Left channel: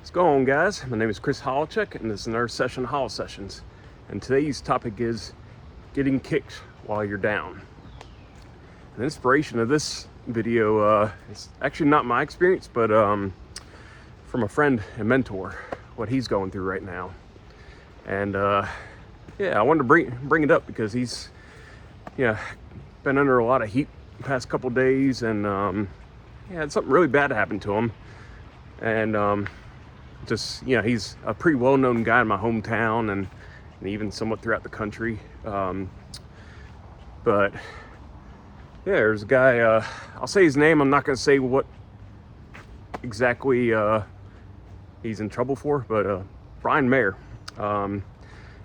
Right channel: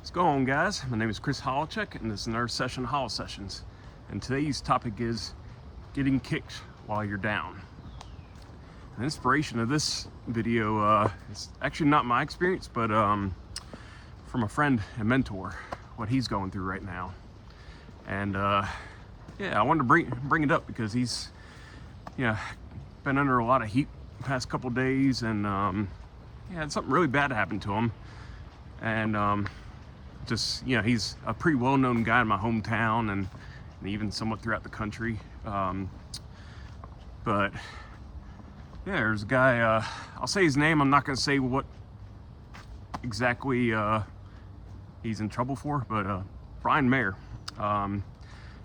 What's going on, guys? My name is Chris Holachek, and this is another session of Hol Sessions. And today's topic is getting kicked while you're down. The inspiration of this video is actually not my experience, but from a friend and mentor, what he's going through right now. And I wanted to bring it up because he's been under a lot of heat the past couple days, and had something really bad happen to him. And he's a pretty well-known guy in my hometown and even somewhat throughout the country. But there's a guy, I'll say his name, I'm not going to say what exactly he's in trouble for, but Brian Mayer.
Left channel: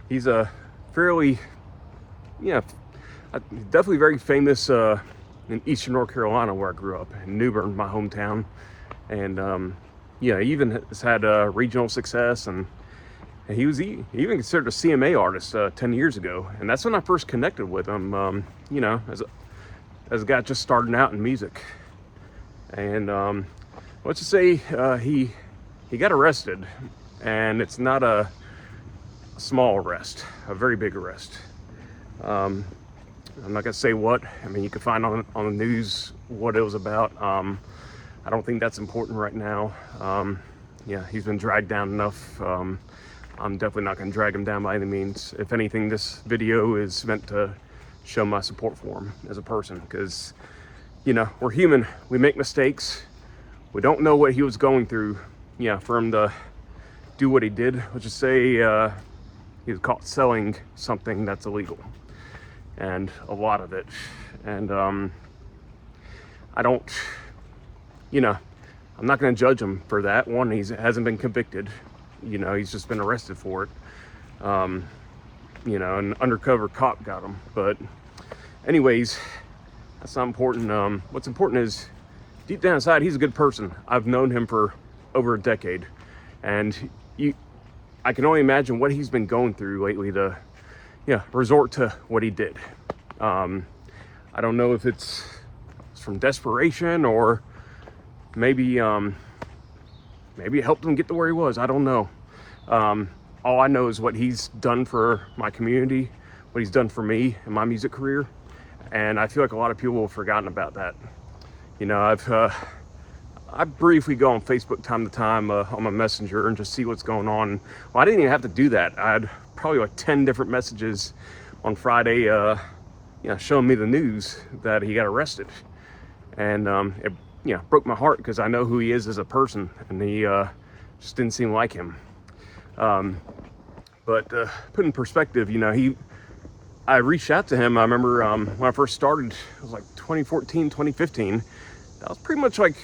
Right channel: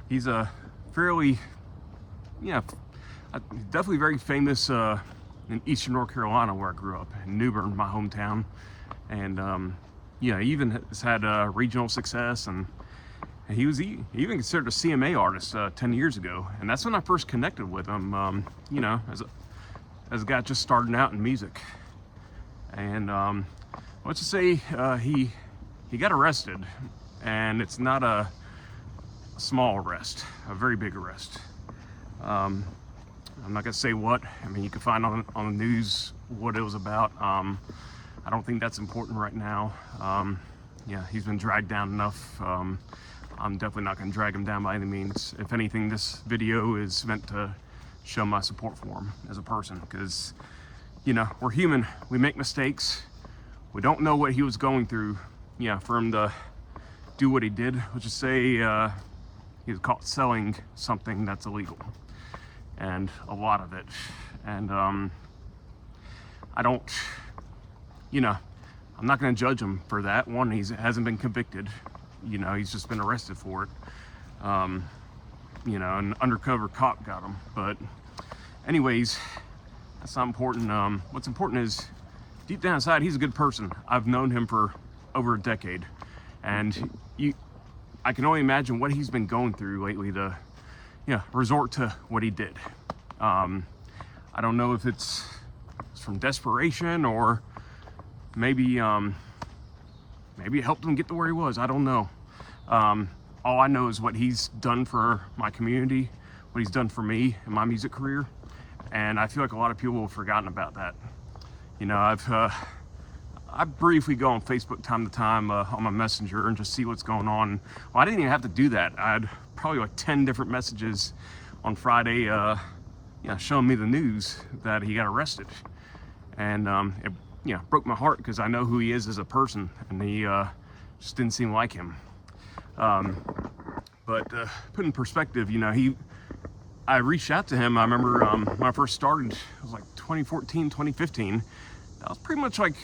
He's a fairly, definitely very famous in Eastern North Carolina, where I grew up, in New Bern, my hometown. And he even has had regional success, and he was even considered a CMA artist 10 years ago. And that's when I first connected with him, as a guy just starting out in music. And let's just say he got arrested, and it's not a small arrest, a very big arrest. I'm not gonna say what. I mean, you can find on the news what it was about. I don't think that's important right now. He's been dragged down enough. I'm definitely not going to drag him down by any means. If anything, this video is meant to show my support for him as a person, because, we're human. We make mistakes. We don't know what he was going through, for him to do what he did. Let's just say he was caught selling something that's illegal, and a lot of it. And I'm not going to judge him for that. One, he hasn't been convicted. He's just been arrested for it. An undercover cop got him. But anyways, that's not important. What's important is, deep down inside, he's a good person. I've known him for over a decade. And I can only imagine what he's been going through lately to, resort to what he did. I don't know if it's from desperation, or maybe it helped him get to where he was. I don't know. All I know is what he's done for my community, what he's done for me in my music career, and I feel like a lot of people have forgotten about that. I briefly go on Facebook time to time on my messenger and just see what's going on. Well, I didn't even have to do that. I had probably like 10 different messages on Friday, showing me the news that he got arrested, and it broke my heart, because I know who he is as a person, and he just didn't seem like him. But put in perspective, I reached out to him. I remember when I first started, it was like 2014, 2015. That was pretty much like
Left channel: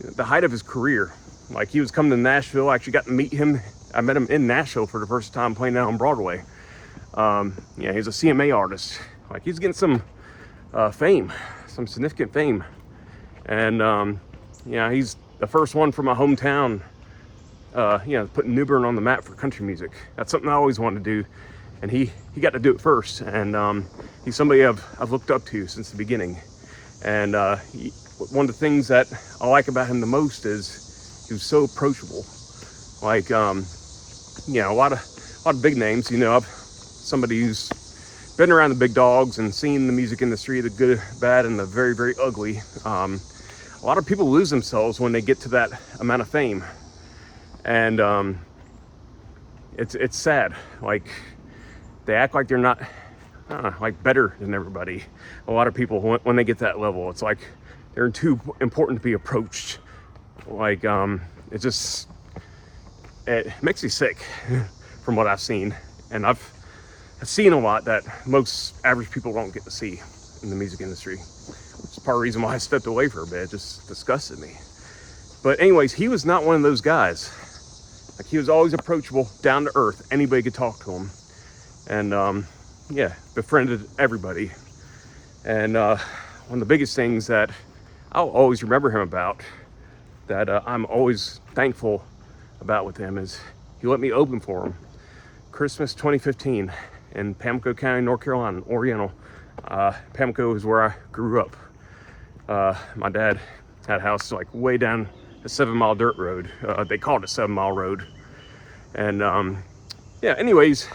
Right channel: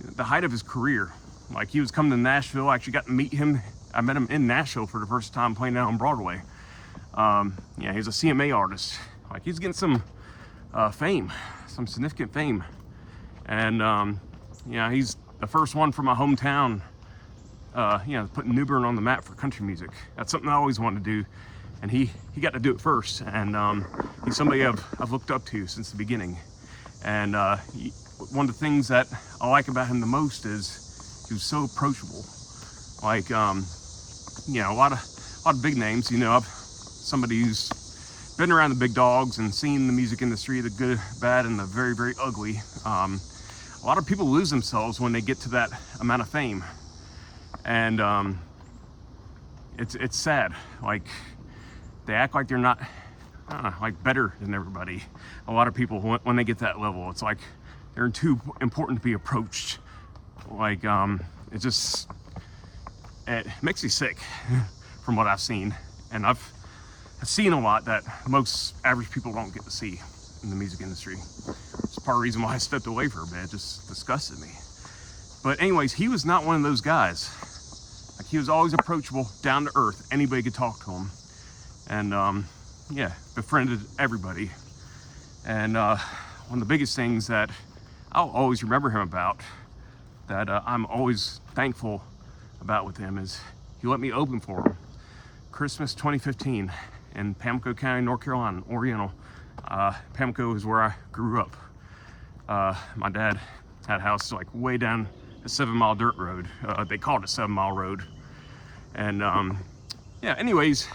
the height of his career. Like, he was coming to Nashville. I actually got to meet him. I met him in Nashville for the first time, playing out on Broadway. He's a CMA artist. Like, he's getting some fame, some significant fame. And he's the first one from my hometown, putting New Bern on the map for country music. That's something I always wanted to do, and he got to do it first. And he's somebody I've looked up to since the beginning. And one of the things that I like about him the most is he was so approachable. Like, a lot of big names. Somebody who's been around the big dogs and seen the music industry, the good, bad, and the very, very ugly. A lot of people lose themselves when they get to that amount of fame, and it's sad. Like, they act like they're not better than everybody. A lot of people, when they get that level, it's like they're too important to be approached. Like, it makes me sick from what I've seen, and I've seen a lot that most average people don't get to see in the music industry. It's part of the reason why I stepped away for a bit. It just disgusted me. But anyways, he was not one of those guys. Like, he was always approachable, down to earth. Anybody could talk to him. And befriended everybody. And one of the biggest things that I'll always remember him about, that I'm always thankful about with him, is he let me open for him Christmas 2015 in Pamlico County, North Carolina, Oriental. Pamlico is where I grew up. My dad had a house like way down a 7-mile dirt road. They called it a 7-mile road. And yeah, anyways,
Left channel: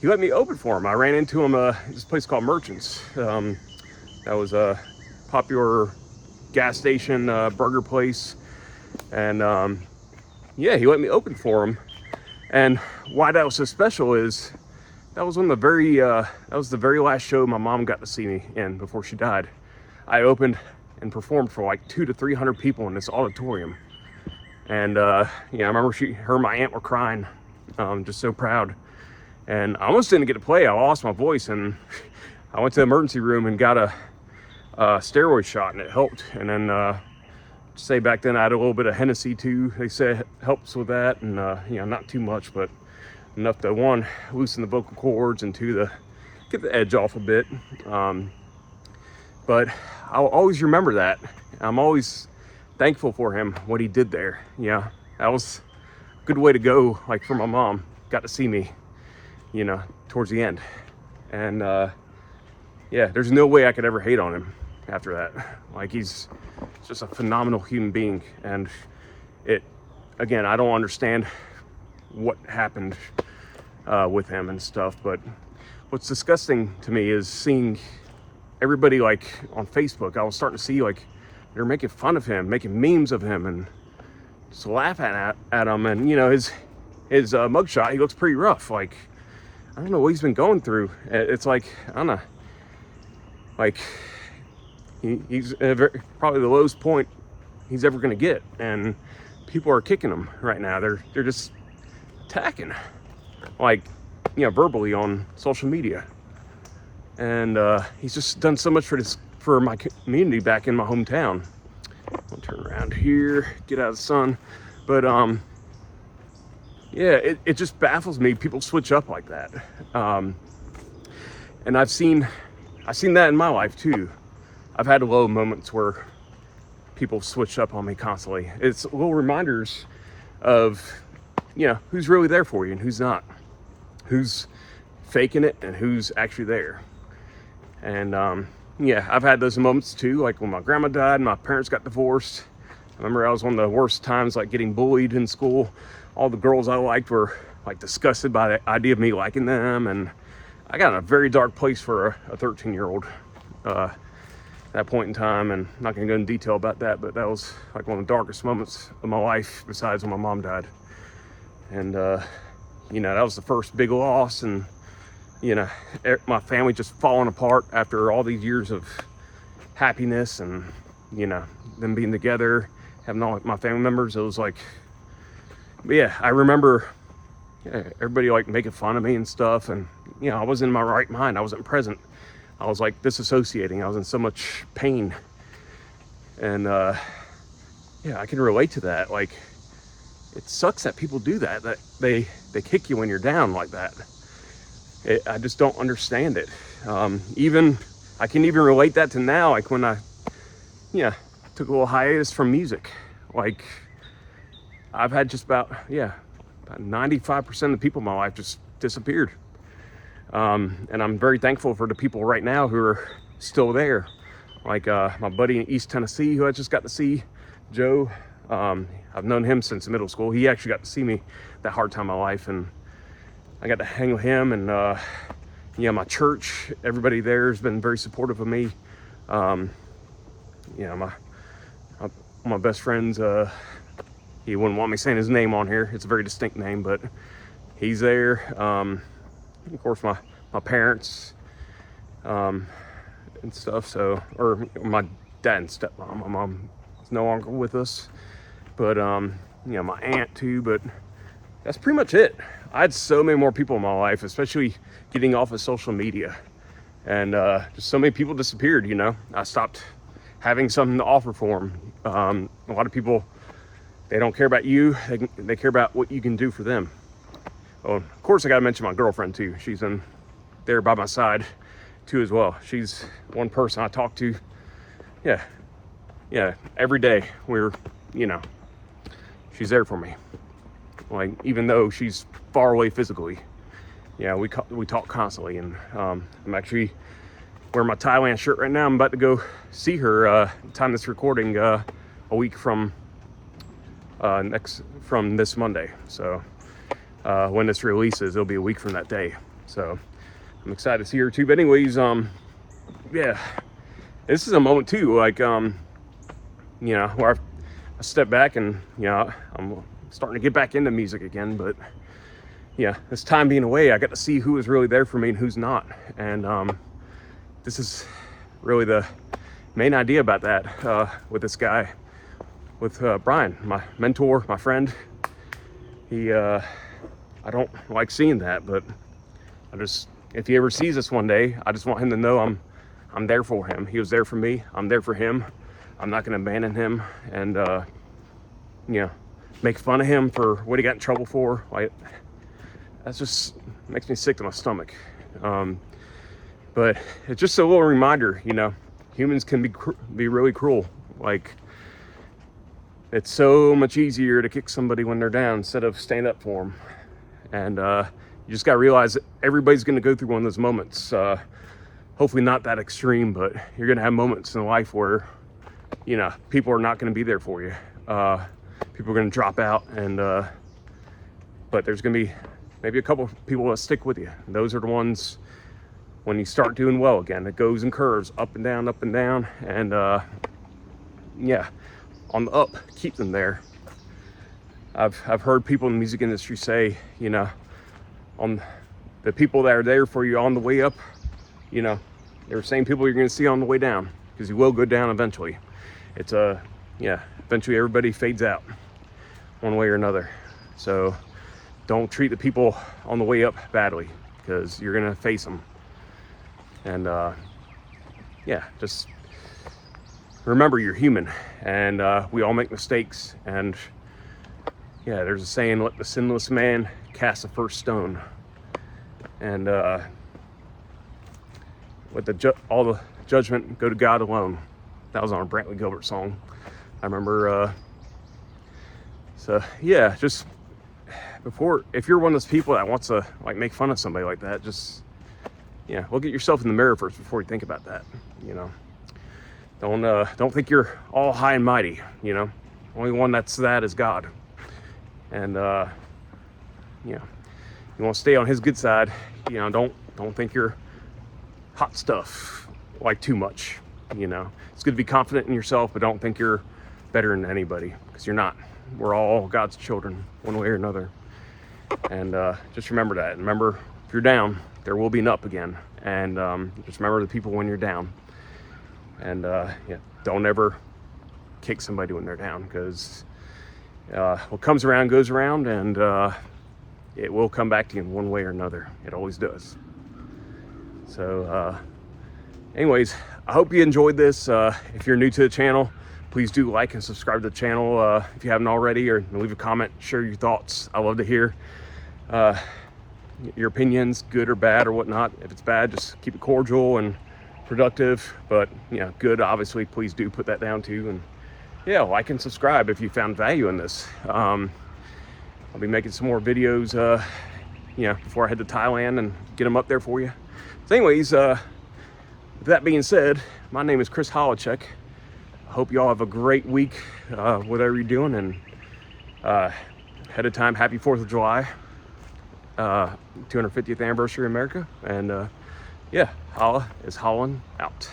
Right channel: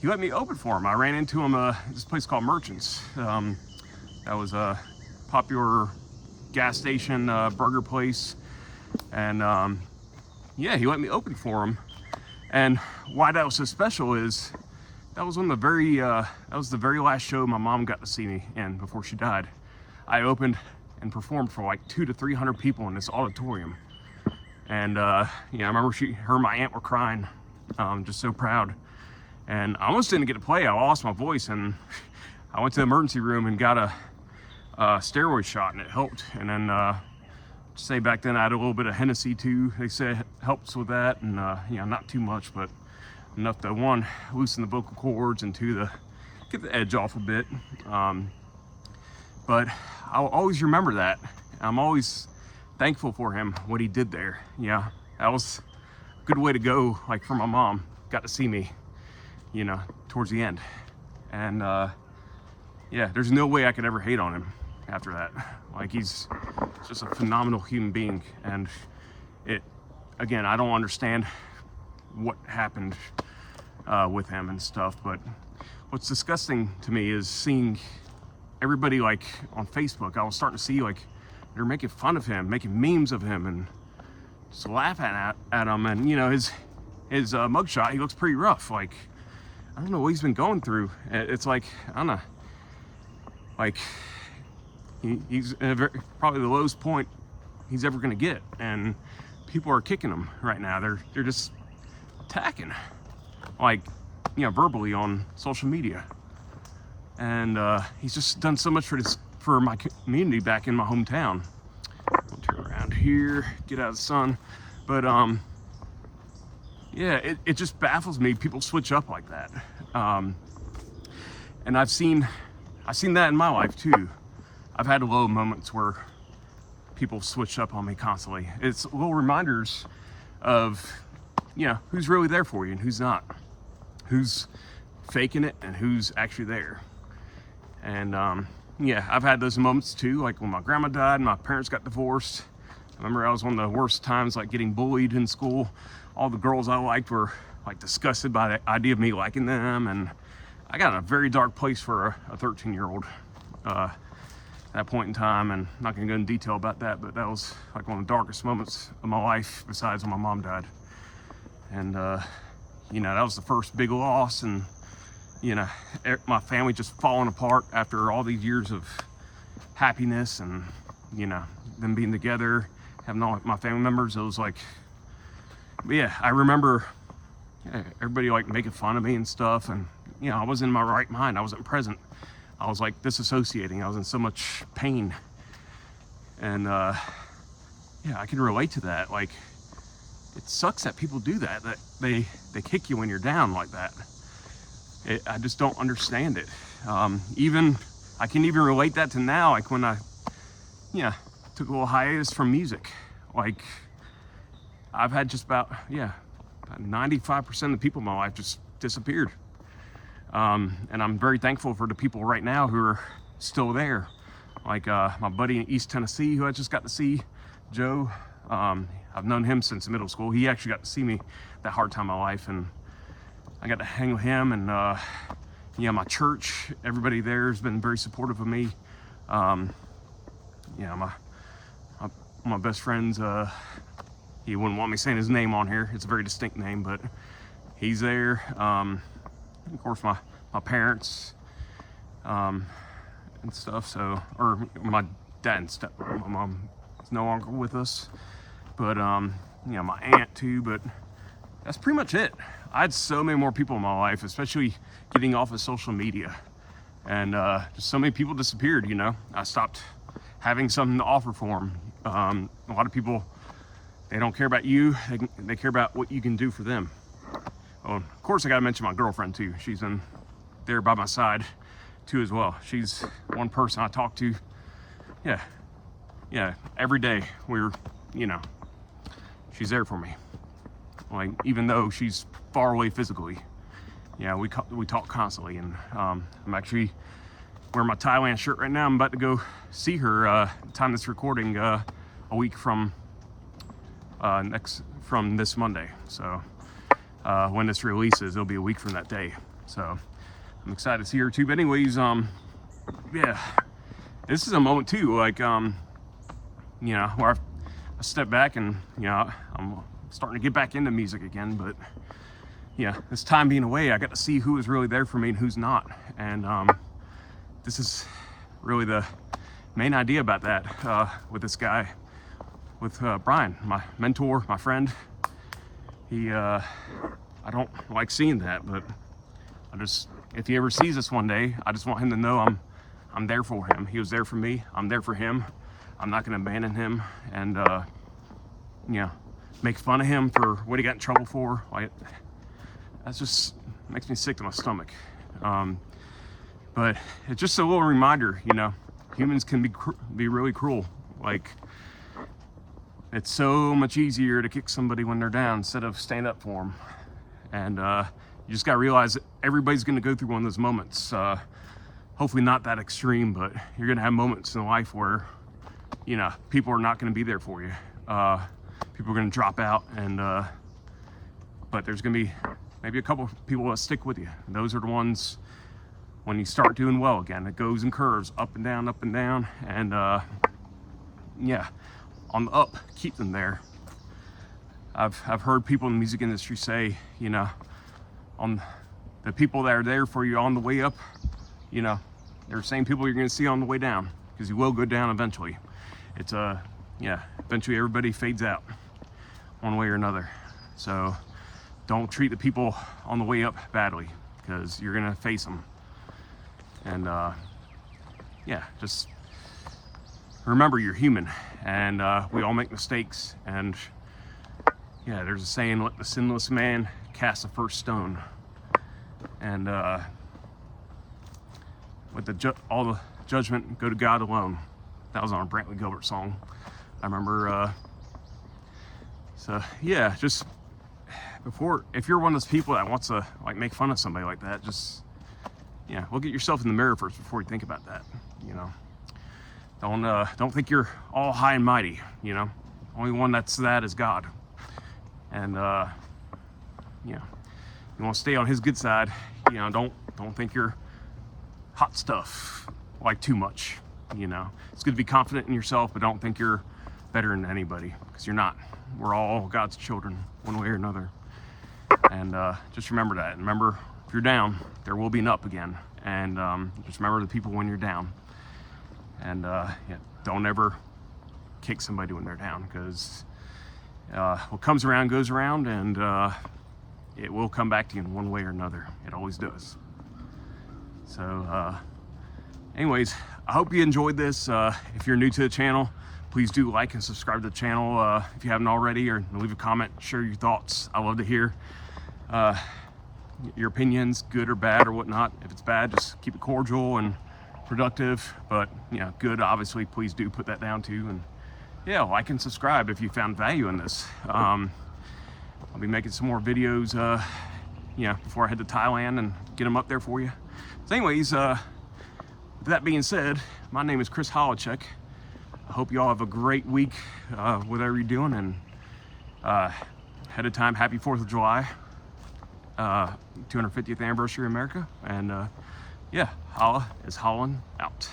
he let me open for him. I ran into him this place called Merchants. That was a popular gas station burger place. And yeah, he let me open for him. And why that was so special is that was the very last show my mom got to see me in before she died. I opened and performed for like 200 to 300 people in this auditorium. And yeah, I remember her and my aunt were crying, just so proud. And I almost didn't get to play. I lost my voice, and I went to the emergency room and got a steroid shot, and it helped. And then say back then I had a little bit of Hennessy too. They say it helps with that, and you know, not too much, but enough to, one, loosen the vocal cords, and two, to get the edge off a bit. But I'll always remember that. I'm always thankful for him, what he did there. Yeah, that was a good way to go, like, for my mom. Got to see me, you know, towards the end. And yeah, there's no way I could ever hate on him after that. Like, he's just a phenomenal human being. And again, I don't understand what happened with him and stuff, but what's disgusting to me is seeing everybody, like, on Facebook. I was starting to see, like, they're making fun of him, making memes of him, and just laughing at him. And you know, his mugshot, he looks pretty rough. Like, I don't know what he's been going through. It's like, I don't know, like, he's probably the lowest point he's ever gonna get, and people are kicking him right now. They're just attacking, like, you know, verbally on social media. And he's just done so much for my community back in my hometown. I'll turn around here, get out of the sun. But yeah, it just baffles me. People switch up like that. And I've seen that in my life too. I've had low moments where people switch up on me constantly. It's little reminders of, you know, who's really there for you and who's not, who's faking it and who's actually there. And yeah, I've had those moments too, like when my grandma died and my parents got divorced. I remember I was one of the worst times, like, getting bullied in school. All the girls I liked were, like, disgusted by the idea of me liking them, and I got in a very dark place for a 13-year-old at that point in time. And I'm not gonna go in detail about that, but that was like one of the darkest moments of my life, besides when my mom died. And you know, that was the first big loss, and you know, my family just falling apart after all these years of happiness, and you know, them being together, having all my family members. It was like, but yeah, I remember, yeah, everybody, like, making fun of me and stuff, and you know, I wasn't in my right mind. I wasn't present. I was, like, disassociating. I was in so much pain. And yeah, I can relate to that. Like, it sucks that people do that they kick you when you're down like that. I just don't understand it. Even I can even relate that to now, like when I, yeah, took a little hiatus from music. Like, I've had just about 95% of the people in my life just disappeared. And I'm very thankful for the people right now who are still there. Like my buddy in East Tennessee, who I just got to see, Joe. I've known him since middle school. He actually got to see me that hard time of my life, and I got to hang with him. And yeah, my church, everybody there has been very supportive of me. Yeah, my best friends, he wouldn't want me saying his name on here. It's a very distinct name, but he's there. Of course, my parents and stuff. So, or my dad and stepmom. My mom is no longer with us, but you know, my aunt too. But that's pretty much it. I had so many more people in my life, especially getting off of social media, and just so many people disappeared. You know, I stopped having something to offer for them. A lot of people, they don't care about you. They care about what you can do for them. Oh, of course, I got to mention my girlfriend too. She's in there by my side too as well. She's one person I talk to. Yeah, every day. You know, she's there for me. Like, even though she's far away physically, yeah, we talk constantly. And I'm actually wearing my Thailand shirt right now. I'm about to go see her. Time this recording, a week from from this Monday. So when this releases, it'll be a week from that day. So I'm excited to see her too. But anyways, yeah, this is a moment too, like, you know, where I step back and, you know, I'm starting to get back into music again. But yeah, this time being away, I got to see who is really there for me and who's not. And this is really the main idea about that, with this guy, with Brian, my mentor, my friend. He, I don't like seeing that, but if he ever sees this one day, I just want him to know I'm there for him. He was there for me. I'm there for him. I'm not going to abandon him and, you know, make fun of him for what he got in trouble for. Like, that just makes me sick to my stomach. But it's just a little reminder, you know, humans can be really cruel. Like, it's so much easier to kick somebody when they're down instead of stand up for them. And you just got to realize that everybody's going to go through one of those moments. Hopefully not that extreme, but you're going to have moments in life where, you know, people are not going to be there for you. People are going to drop out, and but there's going to be maybe a couple of people that stick with you. And those are the ones when you start doing well again. It goes in curves, up and down, and yeah, on the up, keep them there. I've heard people in the music industry say, you know, on the people that are there for you on the way up, you know, they're the same people you're going to see on the way down, because you will go down eventually. It's yeah, eventually everybody fades out one way or another. So don't treat the people on the way up badly, because you're going to face them. And yeah, just remember you're human, and we all make mistakes. And yeah, there's a saying, let the sinless man cast the first stone. And let all the judgment go to God alone. That was on a Brantley Gilbert song, I remember. So yeah, just if you're one of those people that wants to like make fun of somebody like that, just, yeah, look at yourself in the mirror first before you think about that. You know, don't think you're all high and mighty. You know, only one that is God. And you know, you want to stay on his good side. You know, don't think you're hot stuff like too much. You know, it's good to be confident in yourself, but don't think you're better than anybody, because you're not. We're all God's children, one way or another. And just remember that. Remember, if you're down, there will be an up again. And just remember the people when you're down. And yeah, don't ever kick somebody when they're down, because what comes around goes around, and it will come back to you in one way or another. It always does. So anyways, I hope you enjoyed this. If you're new to the channel, please do like and subscribe to the channel if you haven't already, or leave a comment, share your thoughts. I love to hear your opinions, good or bad or whatnot. If it's bad, just keep it cordial and productive. But you know, good, obviously, please do put that down too. And yeah, like and subscribe if you found value in this. I'll be making some more videos, you know, before I head to Thailand and get them up there for you. So anyways, with that being said, my name is Chris Holacek. I hope you all have a great week, whatever you're doing. And ahead of time, happy 4th of July, 250th anniversary of America. And yeah, holla is hollin' out.